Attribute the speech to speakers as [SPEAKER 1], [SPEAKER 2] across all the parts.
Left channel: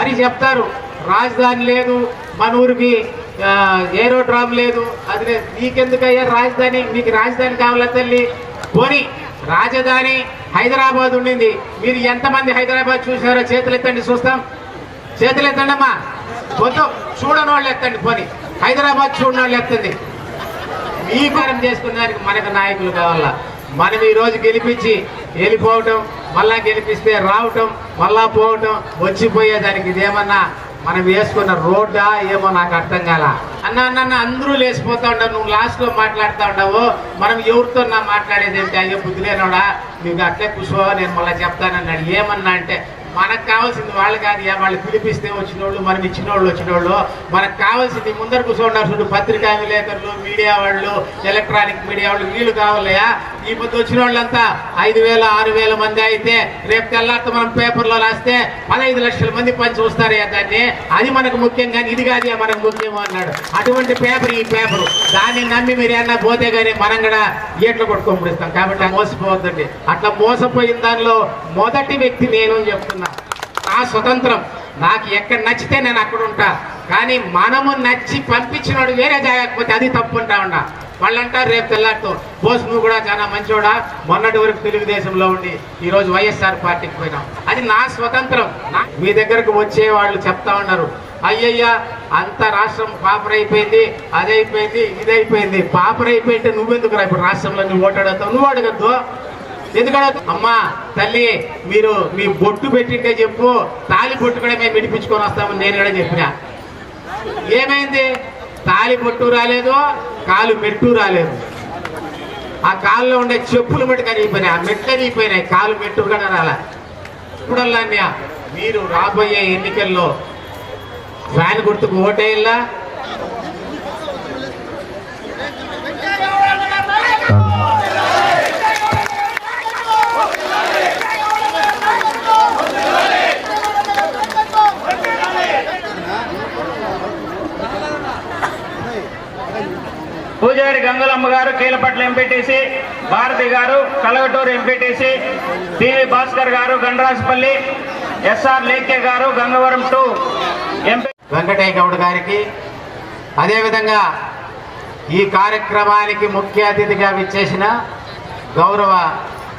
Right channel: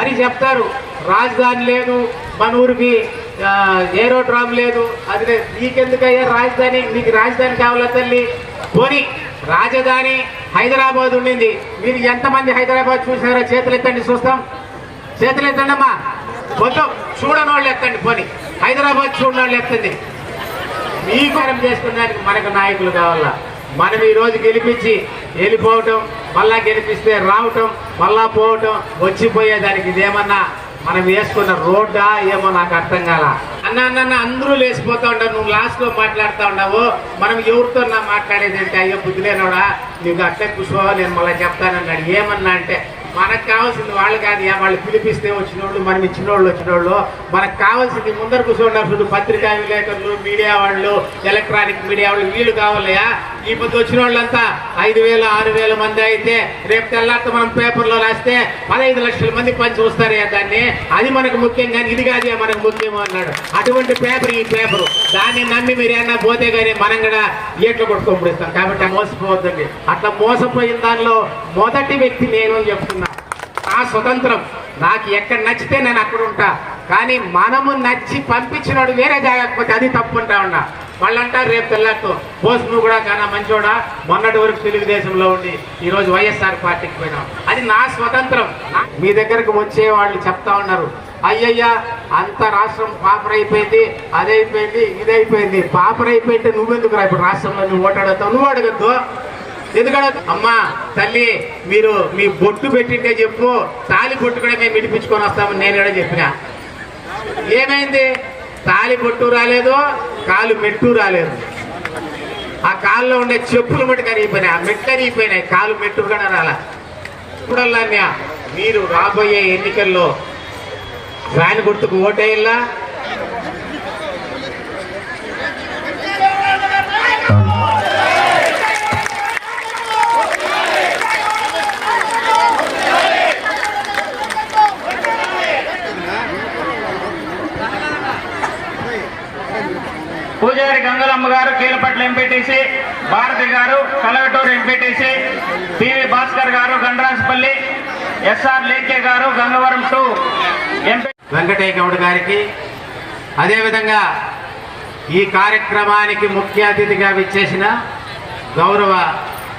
[SPEAKER 1] మరి చెప్తారు రాజధాని లేదు మన ఊరికి ఏరోడ్రామ్ లేదు. అది లేదు. నీకెందుకయ్యా రాజధాని? మీకు రాజధాని కావాలా తల్లి? పోనీ రాజధాని హైదరాబాద్ ఉండింది. మీరు ఎంతమంది హైదరాబాద్ చూసారో చేతులు ఎత్తండి చూస్తాం. చేతులు ఎత్తండి అమ్మా మొత్తం చూడని వాళ్ళు ఎత్తండి పోనీ. హైదరాబాద్ చూడని వాళ్ళు ఎత్తండి. మీ మనం చేసుకున్న దానికి మనకు నాయకులు కావాలా? మనం ఈ రోజు గెలిపించి వెళ్ళిపోవటం మళ్ళా గెలిపిస్తే రావటం మళ్ళా పోవటం వచ్చిపోయే దానికి ఇదేమన్నా మనం వేసుకున్న రోడ్డా ఏమో నాకు అర్థం కాల. అన్న అన్న అందరూ లేచిపోతా ఉండవు. నువ్వు లాస్ట్లో మాట్లాడుతూ ఉండవు. మనం ఎవరితో నా మాట్లాడేది ఏంటి? అయ్యో బుద్ధిలేనోడా నీకు అట్లే కూర్చో నేను మళ్ళీ చెప్తానన్నాడు. ఏమన్నా అంటే మనకు కావాల్సింది వాళ్ళు కాదు యా, వాళ్ళు పిలిపిస్తే వచ్చిన వాళ్ళు మనం ఇచ్చిన వాళ్ళు వచ్చిన వాళ్ళు మనకు కావాల్సింది ముందర కూర్చోండారు చూడు పత్రికా విలేకరులు మీడియా వాళ్ళు ఎలక్ట్రానిక్ మీడియా వాళ్ళు వీళ్ళు కావాలయా ఈ పొద్దు వచ్చిన వాళ్ళంతా ఐదు వేల ఆరు వేల మంది అయితే రేపు తెల్లారితో మనం పేపర్లో రాస్తే పదహైదు లక్షల మంది పని చూస్తారయ్యా దాన్ని. అది మనకు ముఖ్యం కానీ ఇది కాదే మనకు ముఖ్యం అన్నాడు. అటువంటి పేపర్ ఈ పేపరు. దాన్ని నమ్మి మీరు ఏమన్నా పోతే కానీ మనం కూడా ఏట్లు కొట్టుకోబడిస్తాం కాబట్టి మోసపోవద్దండి. అట్లా మోసపోయిన దానిలో మొదటి వ్యక్తి నేను చెప్తున్నా. ఆ స్వతంత్రం. నాకు ఎక్కడ నచ్చితే నేను అక్కడ ఉంటా. కానీ మనము నచ్చి పంపించినాడు వేరే జాగకపోతే అది తప్పు ఉంటా ఉన్నా. వాళ్ళు అంటారు రేపు తెల్లారితో. బోస్ నువ్వు కూడా చాలా మంచోడా. మొన్నటి వరకు తెలుగుదేశంలో ఉండి ఈరోజు వైఎస్ఆర్ పార్టీకి పోయినాం. అది నా స్వతంత్రం. మీ దగ్గరకు వచ్చే వాళ్ళు చెప్తా ఉన్నారు. అయ్యయ్యా అంత రాష్ట్రం పాపరైపోయింది అదైపోయింది ఇదైపోయింది. పాపరైపోయింటే నువ్వెందుకు రా ఇప్పుడు రాష్ట్రంలో నువ్వు ఓటాడతావు నువ్వు అడగద్దు. ఎందుకంటే అమ్మా తల్లి మీరు మీ బొట్టు పెట్టింటే చెప్పు. తాలి బొట్టు కూడా మేము విడిపించుకొని వస్తామని నేను కూడా చెప్పిన. ఏమైంది? తాలి బొట్టు రాలేదు? కాలు మెట్టు రాలేదు. ఆ కాల్లో ఉండే చెప్పులు మటు కరిగిపోయినాయి ఆ మెట్టు కరిగిపోయినాయి కాలు మెట్టు కూడా రాలా. ఇప్పుడల్లా మీరు రాబోయే ఎన్నికల్లో ఫ్యాన్ గుర్తుకు ఓటేయాలా
[SPEAKER 2] పూజారి గంగలమ్మ గారు కీలపట్ల ఎంపీటీసీ భారతి గారు కలవటూరు ఎంపీటీసీ టివి భాస్కర్ గారు గండరాజపల్లి ఎస్ఆర్ లేకే గారు గంగవరం టూ ఎంపీ
[SPEAKER 1] వెంకటయ్య గౌడ్ గారికి. అదేవిధంగా ఈ కార్యక్రమానికి ముఖ్య అతిథిగా విచ్చేసిన గౌరవ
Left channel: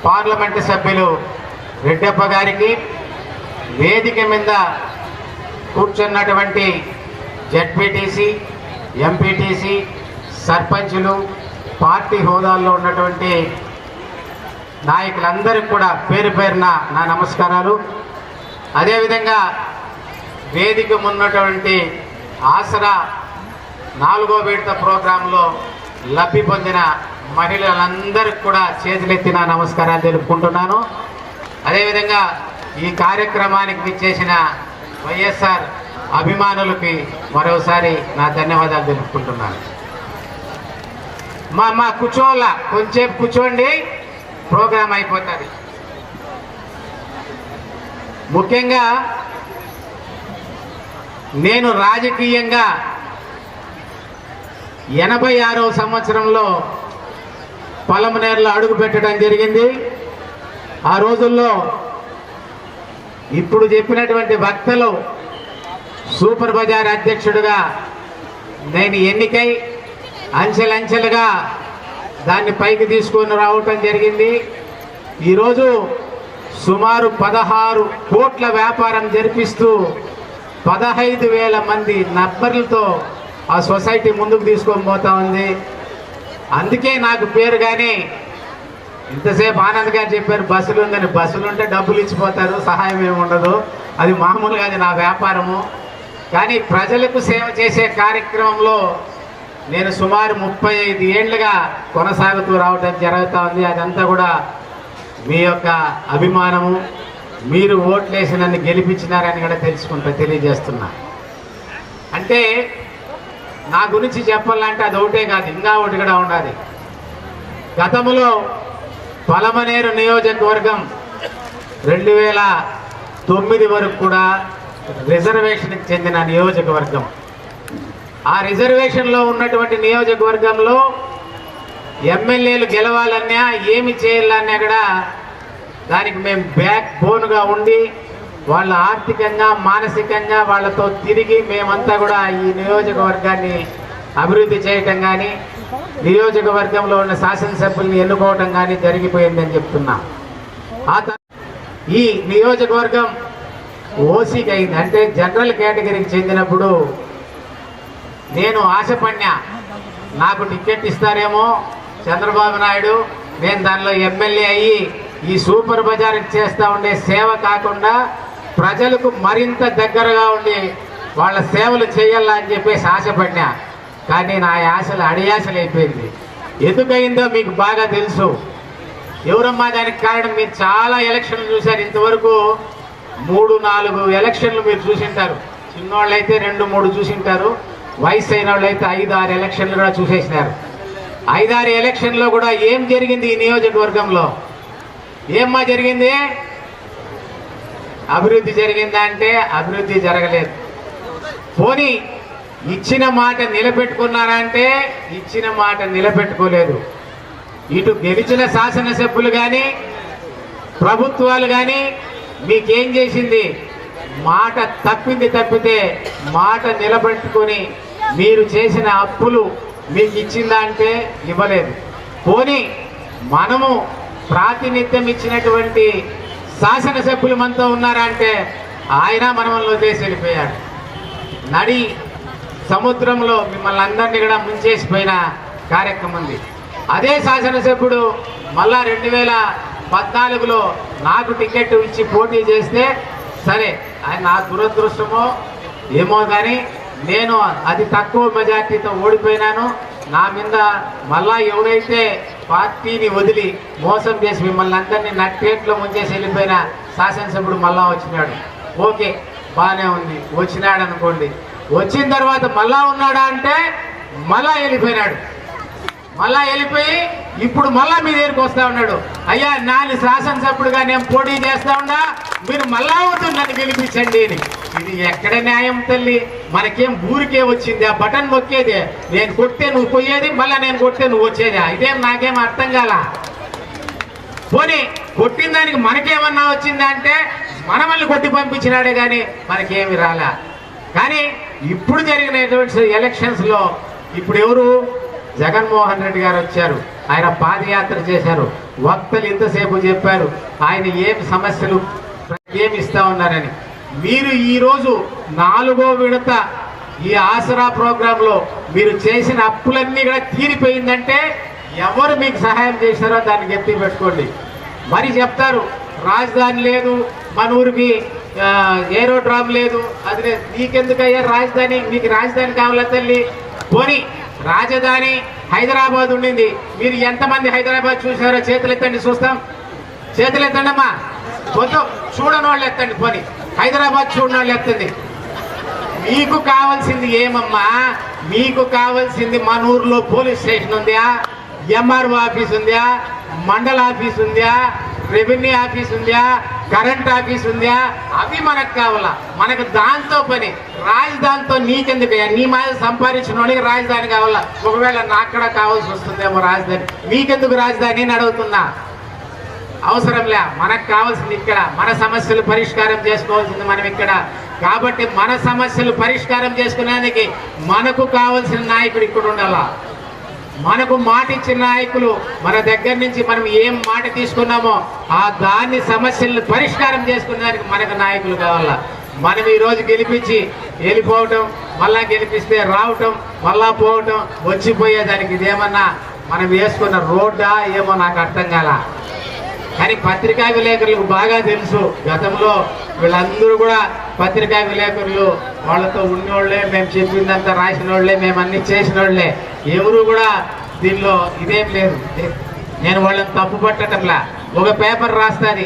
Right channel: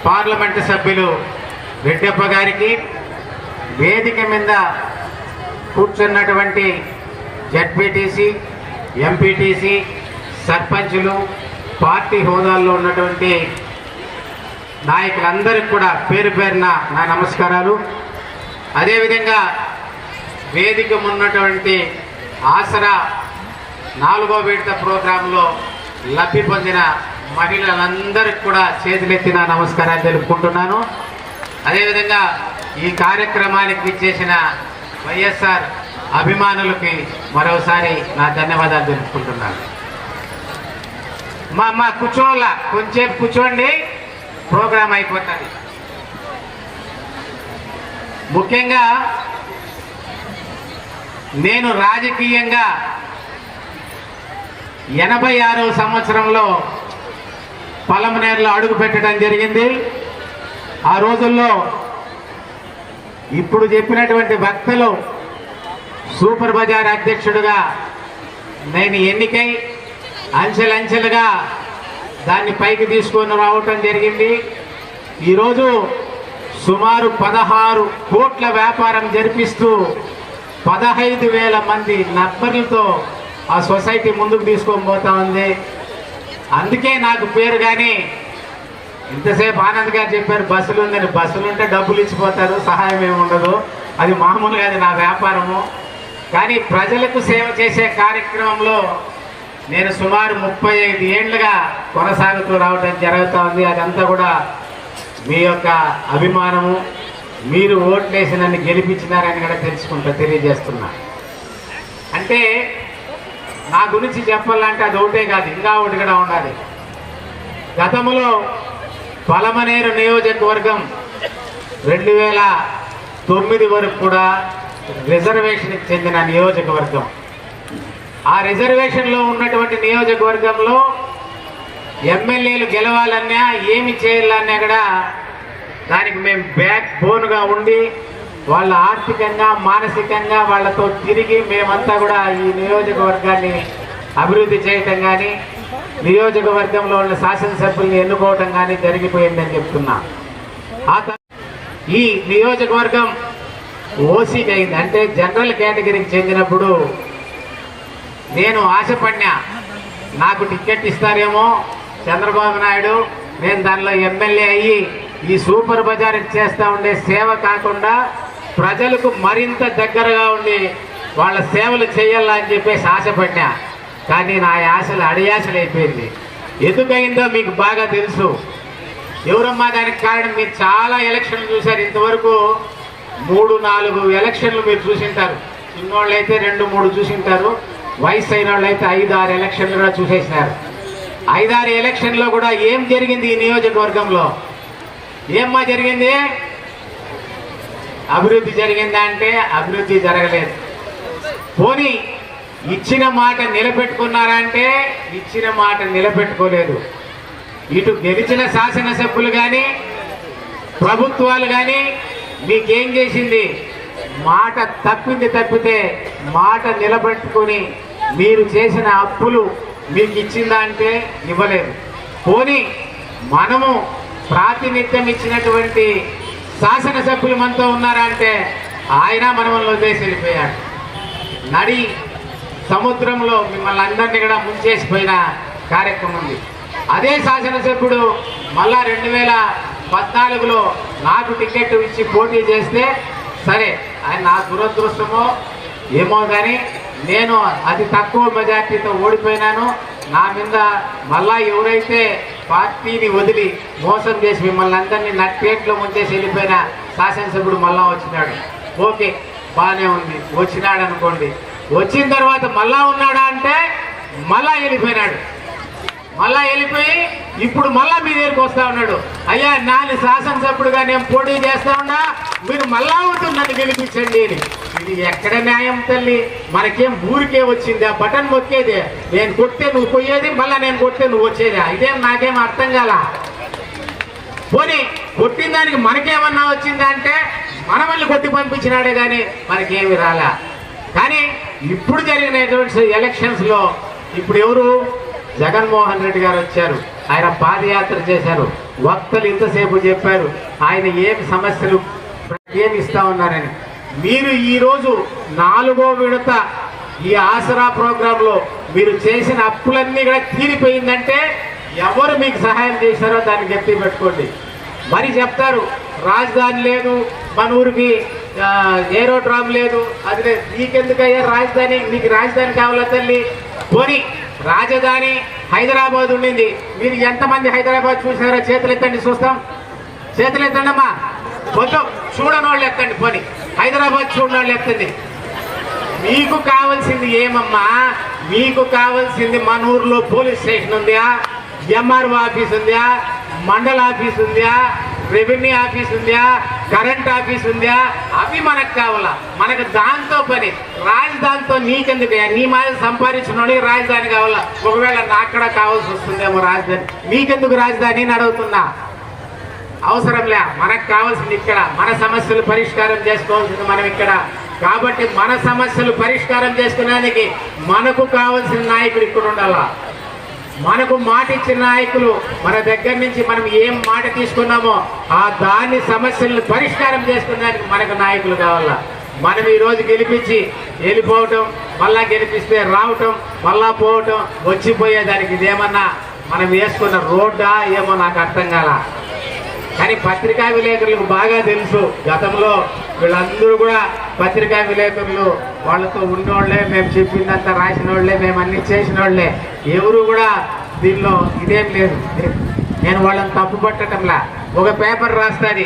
[SPEAKER 1] పార్లమెంటు సభ్యులు రెడ్డప్ప గారికి. వేదిక మీద కూర్చున్నటువంటి జడ్పీటీసీ ఎంపీటీసీ సర్పంచులు పార్టీ హోదాల్లో ఉన్నటువంటి నాయకులందరికీ కూడా పేరు పేరున నా నమస్కారాలు. అదేవిధంగా వేదిక ఉన్నటువంటి ఆసరా నాలుగో విడత ప్రోగ్రాంలో లబ్ధి పొందిన మహిళలందరికీ కూడా చేతులెత్తిన నమస్కారాలు తెలుపుకుంటున్నాను. అదేవిధంగా ఈ కార్యక్రమానికి విచ్చేసిన వైఎస్ఆర్ అభిమానులకి మరోసారి నా ధన్యవాదాలు తెలుపుకుంటున్నాను. మా మా కూర్చోవాల? కొంచెంసేపు కూర్చోండి. ప్రోగ్రాం అయిపోతుంది. ముఖ్యంగా నేను రాజకీయంగా ఎనభై ఆరవ సంవత్సరంలో పొలమనేరులో అడుగు పెట్టడం జరిగింది. ఆ రోజుల్లో ఇప్పుడు చెప్పినటువంటి వక్తలు సూపర్ బజార్ అధ్యక్షుడిగా నేను ఎన్నికై అంచెలంచెలుగా దాన్ని పైకి తీసుకొని రావటం జరిగింది. ఈరోజు సుమారు పదహారు కోట్ల వ్యాపారం జరిపిస్తూ పదహైదు వేల మంది నర్బర్లతో ఆ సొసైటీ ముందుకు తీసుకొని పోతా ఉంది. అందుకే నాకు పేరు కానీ ఇంతసేపు ఆనంద్ గారు చెప్పారు బస్సులు ఉందని. బస్సులు ఉంటే డబ్బులు ఇచ్చిపోతారు సహాయం ఏమి ఉండదు. అది మామూలుగా అది నా వ్యాపారము. కానీ ప్రజలకు సేవ చేసే కార్యక్రమంలో నేను సుమారు ముప్పై ఐదు ఏళ్ళుగా కొనసాగుతూ రావడం జరుగుతూ ఉంది అదంతా కూడా మీ యొక్క అభిమానము మీరు ఓట్లేసి నన్ను గెలిపించినారని కూడా తెలుసుకుంటా తెలియజేస్తున్నా. అంటే నా గురించి చెప్పాలంటే అది ఒకటే కాదు ఇంకా ఒకటి కూడా ఉండాలి. గతంలో పలమనేరు నియోజకవర్గం రెండు వేల తొమ్మిది వరకు కూడా రిజర్వేషన్కి చెందిన నియోజకవర్గం. ఆ రిజర్వేషన్లో ఉన్నటువంటి నియోజకవర్గంలో ఎమ్మెల్యేలు గెలవాలన్నా ఏమి చేయాలన్నా కూడా దానికి మేము బ్యాక్ బోన్గా ఉండి వాళ్ళ ఆర్థికంగా మానసికంగా వాళ్ళతో తిరిగి మేమంతా కూడా ఈ నియోజకవర్గాన్ని అభివృద్ధి చేయటం కానీ నియోజకవర్గంలో ఉన్న శాసనసభ్యుల్ని ఎన్నుకోవటం కానీ జరిగిపోయిందని చెప్తున్నా. ఆ ఈ నియోజకవర్గం ఓసీకి అయింది అంటే జనరల్ కేటగిరీకి చెందినప్పుడు నేను ఆశపడినా నాకు టికెట్ ఇస్తారేమో చంద్రబాబు నాయుడు. నేను దానిలో ఎమ్మెల్యే అయ్యి ఈ సూపర్ బజార్కి చేస్తూ ఉండే సేవ కాకుండా ప్రజలకు మరింత దగ్గరగా ఉండి వాళ్ళ సేవలు చేయాలా అని చెప్పేసి ఆశపడినా. కానీ నా ఆశలు అడియాశలు అయిపోయింది ఎందుకయిందో మీకు బాగా తెలుసు. ఎవరమ్మా దానికి కారణం? మీరు చాలా ఎలక్షన్లు చూశారు. ఇంతవరకు మూడు నాలుగు ఎలక్షన్లు మీరు చూసింటారు. చిన్నోళ్ళు అయితే రెండు మూడు చూసింటారు. వయసు అయిన వాళ్ళు అయితే ఐదు ఆరు ఎలక్షన్లు కూడా చూసేసినారు. ఐదారు ఎలక్షన్లో కూడా ఏం జరిగింది ఈ నియోజకవర్గంలో? ఏమ్మా జరిగింది? అభివృద్ధి జరిగిందా అంటే అభివృద్ధి జరగలేదు. పోనీ ఇచ్చిన మాట నిలబెట్టుకున్నారంటే ఇచ్చిన మాట నిలబెట్టుకోలేదు. ఇటు గెలిచిన శాసనసభ్యులు కానీ ప్రభుత్వాలు కానీ మీకేం చేసింది? మాట తప్పింది తప్పితే మాట నిలబెట్టుకుని మీరు చేసిన అప్పులు మీకు ఇచ్చిందా అంటే ఇవ్వలేదు. పోనీ మనము ప్రాతినిధ్యం ఇచ్చినటువంటి శాసనసభ్యులు మనతో ఉన్నారా అంటే ఆయన మనల్ని వదిలేసి వెళ్ళిపోయాడు. నడి సముద్రంలో మిమ్మల్ని అందరినీ కూడా ముంచేసిపోయిన కార్యక్రమం ఉంది. అదే శాసనసభ్యుడు మళ్ళా రెండు వేల పద్నాలుగులో నాకు టికెట్ ఇచ్చి పోటీ చేస్తే సరే ఆయన నా దురదృష్టమో ఏమో కానీ నేను అది తక్కువ మెజార్టీతో ఓడిపోయినాను. నా మీద మళ్ళా ఎవరైతే పార్టీని వదిలి మోసం చేసి మిమ్మల్ని అందరినీ నట్టేట్లో ముంచేసి వెళ్ళిపోయిన శాసనసభ్యుడు మళ్ళా వచ్చినాడు. ఓకే బాగానే ఉంది. వచ్చినాడు అనుకోండి వచ్చిన తర్వాత మళ్ళా ఉన్నాడా అంటే మళ్ళా వెళ్ళిపోయినాడు. మళ్ళా వెళ్ళిపోయి ఇప్పుడు మళ్ళా మీ దగ్గరికి వస్తా ఉన్నాడు. అయ్యా నాలుగు శాసనసభ్యుడుగా నేను పోటీ చేస్తా ఉన్నా మీరు మళ్ళా అవుతుంది నన్ను గెలిపించండి అని. ఇది ఎక్కడ న్యాయం తల్లి? మనకేం ఊరికే వచ్చింది? ఆ బటన్ మొక్కేది నేను కొట్టే నువ్వు పోయేది మళ్ళా నేను కొట్టే నువ్వు వచ్చేది. ఇదేం నాకేం అర్థం కాల? పోనీ కొట్టిన దానికి మనకేమన్నా వచ్చిందా అంటే మనమల్ని కొట్టి పంపించినాడే కానీ మనకేమి రాలా? కానీ ఇప్పుడు జరిగినటువంటి ఎలక్షన్స్లో ఇప్పుడు ఎవరు? జగన్మోహన్ రెడ్డి గారు వచ్చారు. ఆయన పాదయాత్ర చేశారు. వక్తలు ఇంతసేపు చెప్పారు. ఆయన ఏమి సమస్యలు ఏమి ఇస్తా ఉన్నారని. మీరు ఈరోజు నాలుగో విడత ఈ ఆసరా ప్రోగ్రాంలో మీరు చేసిన అప్పులన్నీ కూడా తీరిపోయిందంటే ఎవరు మీకు సహాయం చేశారో దాన్ని చెప్పి పెట్టుకోండి. మరి చెప్తారు రాజధాని లేదు మన ఊరికి ఏరోడ్రామ్ లేదు అది లేదు. నీకెందుకయ్యా రాజధాని? నీకు రాజధాని కావాలా తల్లి? పోనీ. రాజధాని హైదరాబాద్ ఉండింది. మీరు ఎంతమంది హైదరాబాద్ చూసినారో చేతులు ఎత్తండి చూస్తాం. చేతులు ఎత్తండి అమ్మా చూడని వాళ్ళు ఎత్తండి పోనీ. హైదరాబాద్ చూడని వాళ్ళు ఎత్తండి. మీకు కావాల్సింది ఏమమ్మా? మీకు కావాల్సింది మన ఊర్లో పోలీస్ స్టేషన్ ఉందా? ఎంఆర్ఓ ఆఫీస్ ఉందా? మండల ఆఫీస్ ఉందా? రెవెన్యూ ఆఫీస్ ఉందా? కరెంట్ ఆఫీస్ ఉందా? అవి మనకు కావాలా. మనకు దాంతో పని. రాజధానితో నీకెందుకు నీ మాది సంపాదించిన రాజధాని కావాలా? ఒకవేళ నాకు కావాల్సి వస్తుందేమో రాజధాని. నీకెందుకు రాజధాని అని అడుగుతున్నా. అవసరంలే మనకు కావాల్సింది ఇక్కడ. మన సమస్యలు పరిష్కారం చేసుకోవాల్సింది మనం ఇక్కడ. కాబట్టి మన సమస్యలు పరిష్కారం చేసుకునేందుకు మనకు కావాల్సిన నాయకుడు ఇక్కడ ఉండాలా? మనకు మాట ఇచ్చిన నాయకులు మన దగ్గర నుంచి మనం ఏం మాట తీసుకున్నామో ఆ దాని సమస్యలను పరిష్కారం చేసుకునేదానికి మనకు నాయకులు కావాలా? మనం ఈరోజు గెలిపించి వెళ్ళిపోవటం మళ్ళా గెలిపిస్తే రావటం మళ్ళా పోవటం వచ్చిపోయేదానికి ఇదేమన్నా మనం వేసుకున్న రోడ్డా ఏమో నాకు అర్థం కాలా? కానీ పత్రికా విలేకరులకు బాగా తెలుసు. గతంలో వీళ్ళందరూ కూడా పత్రికా విలేకరులు వాళ్ళతో ఉన్నోళ్ళే మేము చెప్పిందంతా రాసిన వాళ్ళే మేము అన్ని చేసిన వాళ్ళే ఎవరు కూడా దీనిలో ఇదేం లేదు. నేను వాళ్ళని తప్పు పట్టడంలా ఒక పేపర్ రాస్తుంది.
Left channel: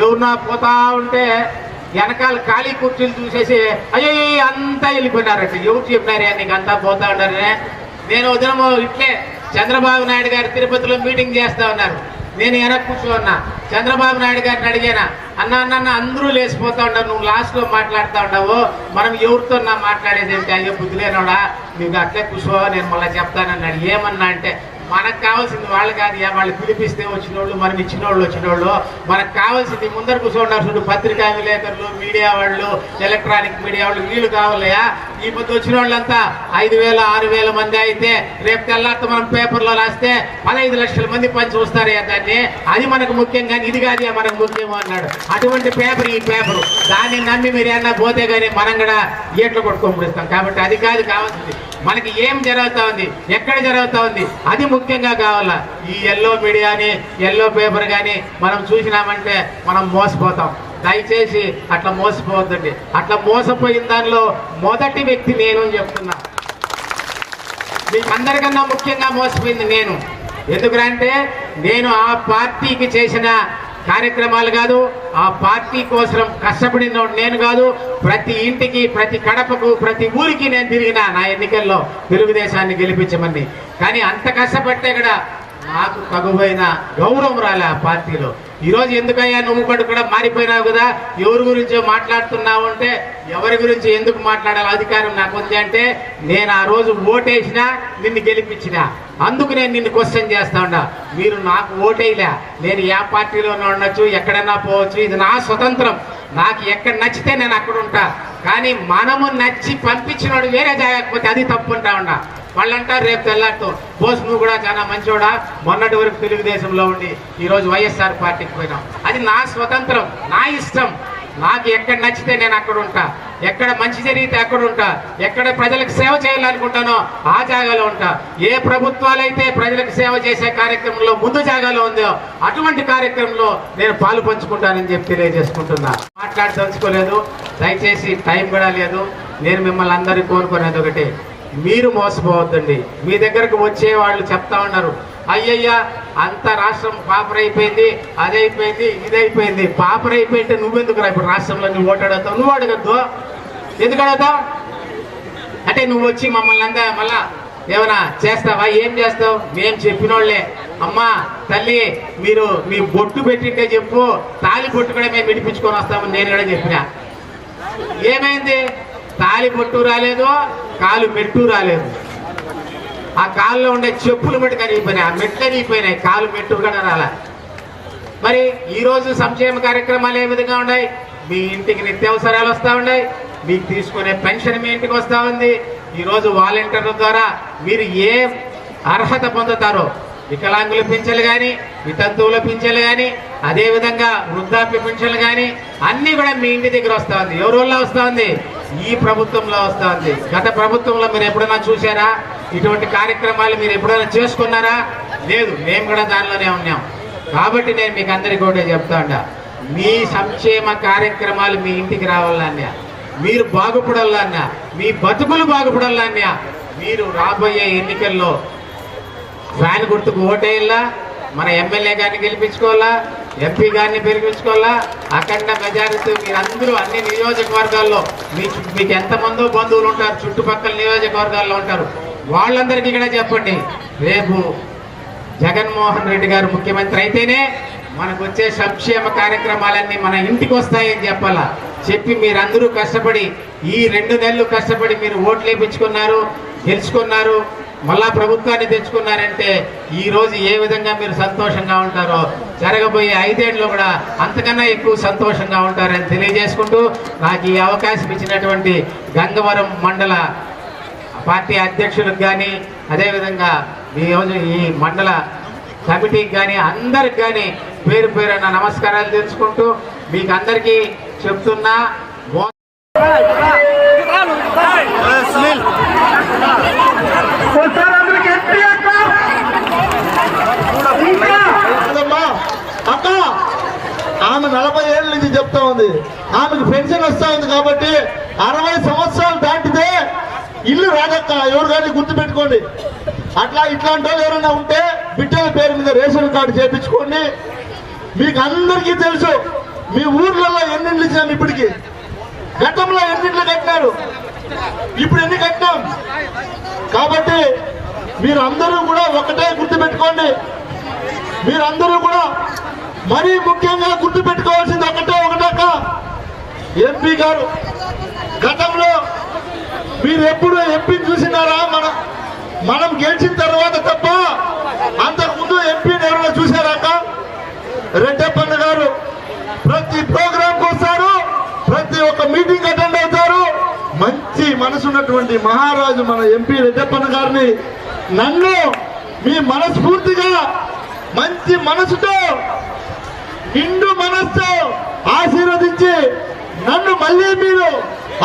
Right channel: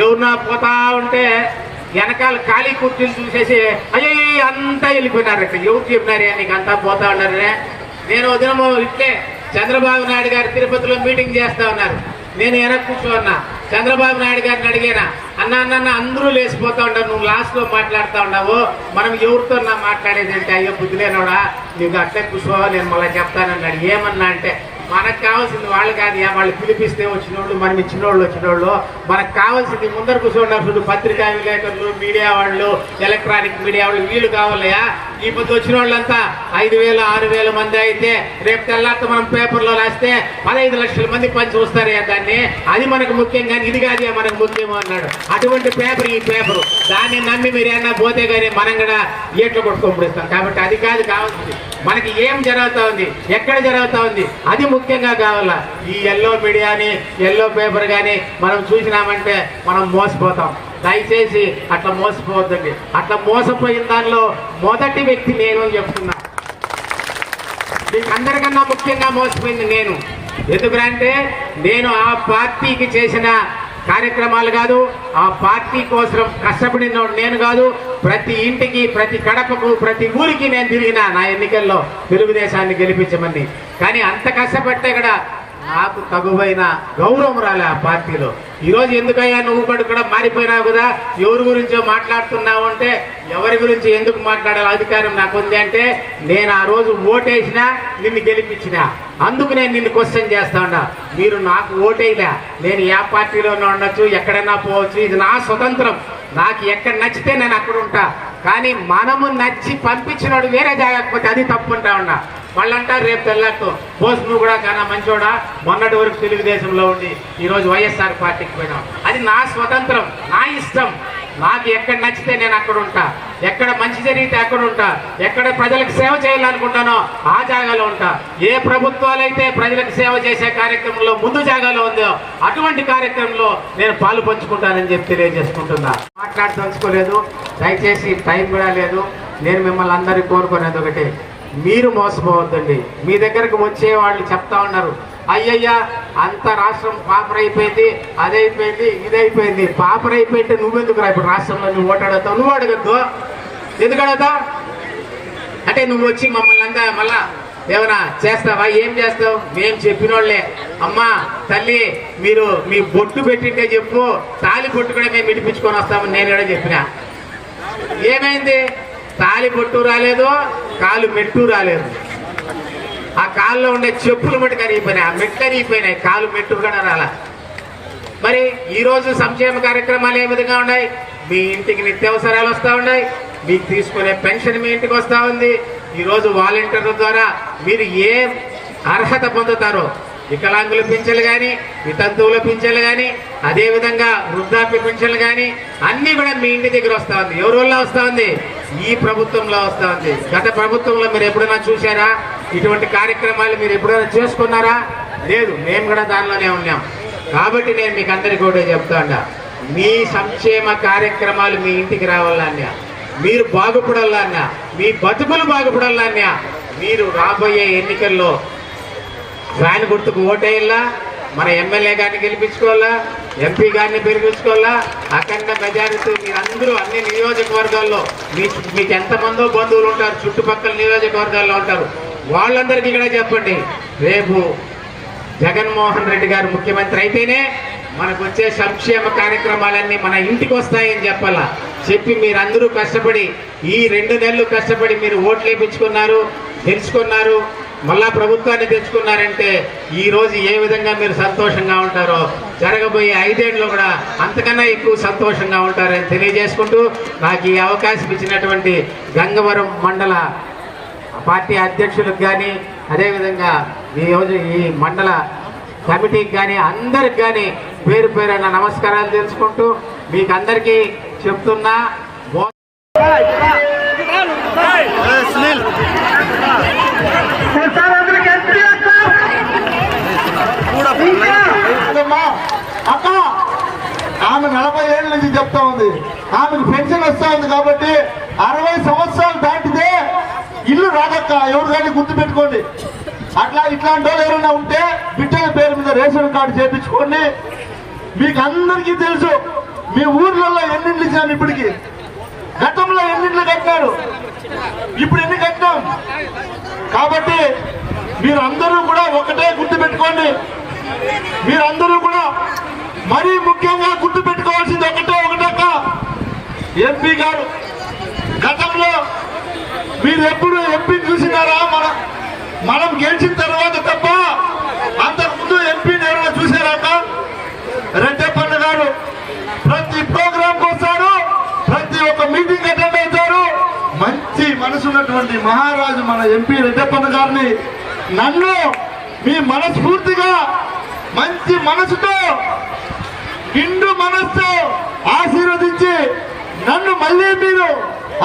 [SPEAKER 1] ఎవరున్నా పోతా ఉంటే వెనకాల ఖాళీ కుర్చీలు చూసేసి అయ్యో అంతా వెళ్ళిపోయినారట. ఎవరు చెప్పినారే? నీకు అంతా పోతా ఉన్నారనే నేను ఉదయం ఇట్లే చంద్రబాబు నాయుడు గారు తిరుపతిలో మీటింగ్ చేస్తా ఉన్నారు. నేను వెనక్కి కూర్చోన్నా. చంద్రబాబు నాయుడు గారిని అడిగానా? అన్న అన్న అందరూ లేచిపోతా ఉంటారు. నువ్వు లాస్ట్లో మాట్లాడుతూ మాట్లాడుతా ఉండవు మనం ఎవరితో నా మాట్లాడేది ఏంటి? అయ్యో బుద్ధిలేనోడా నువ్వు నీకు అట్లే కూర్చో నేను మళ్ళీ చెప్తానన్నాడు ఏమన్నా అంటే మనకు కావాల్సింది వాళ్ళు కాదు వాళ్ళు పిలిపిస్తే వచ్చిన వాళ్ళు మనం ఇచ్చిన వాళ్ళు వచ్చిన వాళ్ళు మనకు కావాల్సింది ముందర కూర్చున్నారు చూడు పత్రికా విలేకరులు మీడియా వాళ్ళు ఎలక్ట్రానిక్ మీడియా వాళ్ళు వీళ్ళు కావాలయా ఈ పొద్దు వచ్చిన వాళ్ళంతా ఐదు వేల ఆరు వేల మంది అయితే రేపు తెల్లారితో మనం పేపర్లో రాస్తే పదహైదు లక్షల మంది పని దాన్ని. అది మనకు ముఖ్యం కానీ ఇది కాదే మనకు ముఖ్యము అన్నాడు. అటువంటి పేపర్ ఈ పేపర్. దాన్ని నమ్మి మీరు ఏమన్నా పోతే కానీ మనం కూడా ఏట్లు కొట్టుకొని కాబట్టి అది కాదు కావాల్సింది. మనకి ఏం జరుగుతూ ఉంది? ఎక్కడ జరుగుతూ ఉంది? అది ముఖ్యంగా కావాలా? ఈ ఎల్లో మీడియాని ఎల్లో పేపర్ కానీ మనం చూసినామంటే మనం మోసపోతాం. దయచేసి అట్లా మోసపోవద్దండి. అట్లా మోసపోయిన దానిలో మొదటి వ్యక్తి నేను అని చెప్తున్నా. మీకు అందరికన్నా ముఖ్యంగా మోసపోయింది నేను. ఎందుకంటే నేను ఆ పార్టీకి చేసిన కార్యక్రమాలు కాదు ఆ పార్టీ కోసం కష్టపడిన నేను కాదు ప్రతి ఇంటికి ప్రతి కడపకు ప్రతి ఊరికి నేను తిరిగిన నా ఎన్నికల్లో తెలుగుదేశాన్ని గెలిపించమని. కానీ అంత కష్టపడితే కూడా నాకు తగువైన గౌరవం రాలే ఆ పార్టీలో. ఈరోజు ఎందుకయ్యా నువ్వు కూడా కూడా మారిపోయినావు కదా? ఎవరి గురించో మాట్లాడుతున్నావు అంటే ఎవరి గురించి ఎందుకు మాట్లాడాలి అధికారం నాకు ఉంది అంటే నేను ఆ రోజు ఓటేసినా నిన్ను గెలిపించిన. అందుకు నేను నిన్ను క్వశ్చన్ చేస్తా ఉన్నా మీరు నాకు ఓటేయలే. నేను ఏ పార్టీలోనే ఉండొచ్చు ఎక్కడన్నా పోవచ్చు. ఇది నా స్వతంత్రం. నాకు ఎక్కడ నచ్చితే నేను అక్కడ ఉంటా. కానీ మనము నచ్చి పంపించినోడు వేరే జాగకపోతే అది తప్పు ఉంటా ఉన్నా వాళ్ళంటారు రేపు తెల్లారితో. బోస్ నువ్వు కూడా చాలా మంచోడా? మొన్నటి వరకు తెలుగుదేశంలో ఉండి ఈరోజు వైఎస్ఆర్ పార్టీకి పోయినాం అది నా స్వతంత్రం నా ఇష్టం. నాకు ఎక్కడ నచ్చితే నేను అక్కడ ఉంటా. ఎక్కడ మంచి జరిగితే అక్కడ ఉంటా. ఎక్కడ ప్రజలకు సేవ చేయాలనుకుంటానో ఆ జాగాలో ఉంటా. ఏ ప్రభుత్వాలు అయితే ప్రజలకు సేవ చేసే కార్యక్రమంలో ముందు జాగాలో ఉందో అటువంటి కార్యక్రమంలో నేను పాలు పంచుకుంటానని చెప్పి తెలియజేసుకుంటున్నా. మాట్లాడదలుచుకోలేదు. దయచేసి టైం కూడా లేదు. నేను మిమ్మల్ని అందరికీ కోరుకునేది ఒకటి. మీరు మోసపోవద్దండి. మీ దగ్గరకు వచ్చే వాళ్ళు చెప్తా ఉన్నారు. అయ్యయ్యా అంత రాష్ట్రం పాపరైపోయింది అదైపోయింది ఇదైపోయింది. పాపరైపోయింటే నువ్వెందుకు రా ఇప్పుడు రాష్ట్రంలో నువ్వు ఓటాడతావు నువ్వు అడగద్దు. ఎందుకు అడుగుతావు? అంటే నువ్వు వచ్చి మమ్మల్ని అంతా మళ్ళా? ఏమన్నా చేస్తావా? ఏం చేస్తావు? మేము చెప్పినోళ్ళే. అమ్మా తల్లి మీరు మీ బొట్టు పెట్టింటే చెప్పు. తాలి బొట్టు కూడా మేము విడిపించుకొని వస్తామని నేను కూడా చెప్పిన. ఏమైంది? తాలి పొట్టు రాలేదు కాలు మెట్టు రాలేదు. ఆ కాల్లో ఉండే చెప్పులు మటు కరిగిపోయినాయి ఆ మెట్లు కరిగిపోయినాయి కాలు మెట్టు కూడా రాలా. మరి ఈరోజు సంక్షేమ కార్యక్రమాలు ఏ విధంగా ఉన్నాయి? మీ ఇంటికి నిత్యావసరాలు వస్తూ ఉన్నాయి మీకు తీసుకునే పెన్షన్ మీ ఇంటికి వస్తూ ఉంది. ఈరోజు వాలంటీర్ల ద్వారా మీరు ఏ అర్హత పొందుతారో వికలాంగుల పింఛన్లు కానీ వితంతువుల పింఛన్లు కానీ అదేవిధంగా వృద్ధాప్య పింఛన్లు కానీ అన్నీ కూడా మీ ఇంటి దగ్గర వస్తూ ఉంది. ఎవరి వల్ల వస్తూ ఉంది? ఈ ప్రభుత్వంలో వస్తూ ఉంది గత ప్రభుత్వంలో మీరు ఎప్పుడైనా చూసారా ఇటువంటి కార్యక్రమాలు మీరు ఎప్పుడైనా చేసుకున్నారా? లేదు మేము కూడా దానిలోనే ఉన్నాం. కాబట్టి నేను మీకు అందరికీ కూడా చెప్తాండా మీ సంక్షేమ కార్యక్రమాలు మీ ఇంటికి రావాలన్నా మీరు బాగుపడాలన్నా మీ బతుకులు బాగుపడాలన్నా మీరు రాబోయే ఎన్నికల్లో ఫ్యాన్ గుర్తుకు ఓటేయాలా? మన ఎమ్మెల్యే గారిని గెలిపించుకోవాలా? ఎంపీ గారిని పెరిగించుకోవాలా అఖండ మెజారిటీ మీరందరూ అందరూ అన్ని నియోజకవర్గాల్లో మీ మీకు ఎంతమందో బంధువులు ఉంటారు చుట్టుపక్కల నియోజకవర్గాల్లో ఉంటారు. వాళ్ళందరికీ ఇక్కడ చెప్పండి. రేపు జగన్మోహన్ రెడ్డి గారు ముఖ్యమంత్రి అయితేనే మనకు వచ్చే సంక్షేమ కార్యక్రమాలన్నీ మన ఇంటికి వస్తాయని చెప్పాలా? చెప్పి మీరందరూ కష్టపడి ఈ రెండు నెలలు కష్టపడి మీరు ఓట్లు వేయించుకున్నారు గెలుచుకున్నారు మళ్ళా ప్రభుత్వాన్ని తెచ్చుకున్నారంటే ఈరోజు ఏ విధంగా మీరు సంతోషంగా ఉంటారో జరగబోయే ఐదేళ్ళు కూడా అంతకన్నా ఎక్కువ సంతోషంగా ఉంటారని తెలియజేసుకుంటూ నాకు ఈ అవకాశం ఇచ్చినటువంటి గంగవరం మండల పార్టీ అధ్యక్షులకు కానీ అదేవిధంగా ఈ రోజు ఈ మండల కమిటీకి కానీ అందరికి కానీ పేరు పేరున నమస్కారాలు తెలుసుకుంటూ మీకు అందరికీ చెప్తున్నా
[SPEAKER 3] అక్క. ఆమె నలభై ఏళ్ళ నుంచి చెప్తా ఉంది. ఆమెకు పెన్షన్ వస్తా ఉంది కాబట్టి అరవై సంవత్సరాలు దాటితే ఇల్లు రాదక్క ఎవరు కానీ గుర్తు పెట్టుకోండి అట్లా ఇట్లాంటి వాళ్ళు ఎవరైనా ఉంటే బిడ్డల పేరు మీద రేషన్ కార్డు చేపించుకోండి. మీకు అందరికీ తెలుసు మీ ఊర్లలో ఎన్నింటిలు ఇప్పటికి. గతంలో కట్టినారు ఇప్పుడు ఎన్ని కట్టినాం? కాబట్టి మీరు అందరూ కూడా ఒకటే గుర్తు పెట్టుకోండి. మీరందరూ కూడా మరీ ముఖ్యంగా గుర్తు పెట్టుకోవాల్సింది ఒకటే ఒకటక్క ఎంపీ గారు గతంలో మీరు ఎప్పుడు ఎంపీ చూసినారా? మన మనం గెలిచిన తర్వాత తప్ప అంతకుముందు ఎంపీని ఎవరైనా చూసారాక రెడ్డప్పన్న గారు ప్రతి ప్రోగ్రాంకి వస్తారు ప్రతి ఒక్క మీటింగ్ అటెండ్ మనసున్నటువంటి మనసు ఉన్నటువంటి మహారాజు మన ఎంపీ రెడ్డప్పన్న గారిని నన్ను మీ మనస్ఫూర్తిగా మంచి మనసుతో నిండు మనస్సు ఆశీర్వదించి నన్ను మళ్ళీ మీరు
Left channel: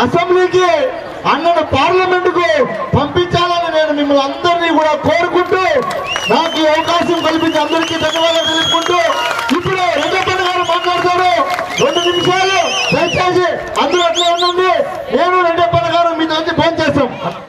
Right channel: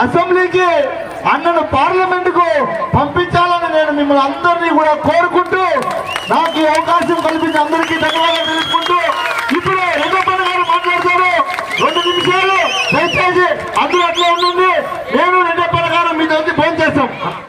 [SPEAKER 3] అసెంబ్లీకి అన్నను పార్లమెంట్కు పంపించాలని నేను మిమ్మల్ని అందరినీ కూడా కోరుకుంటూ నాకు ఈ అవకాశం కల్పించి అందరికీ ధన్యవాదాలు తెలుపుకుంటూ Gerçek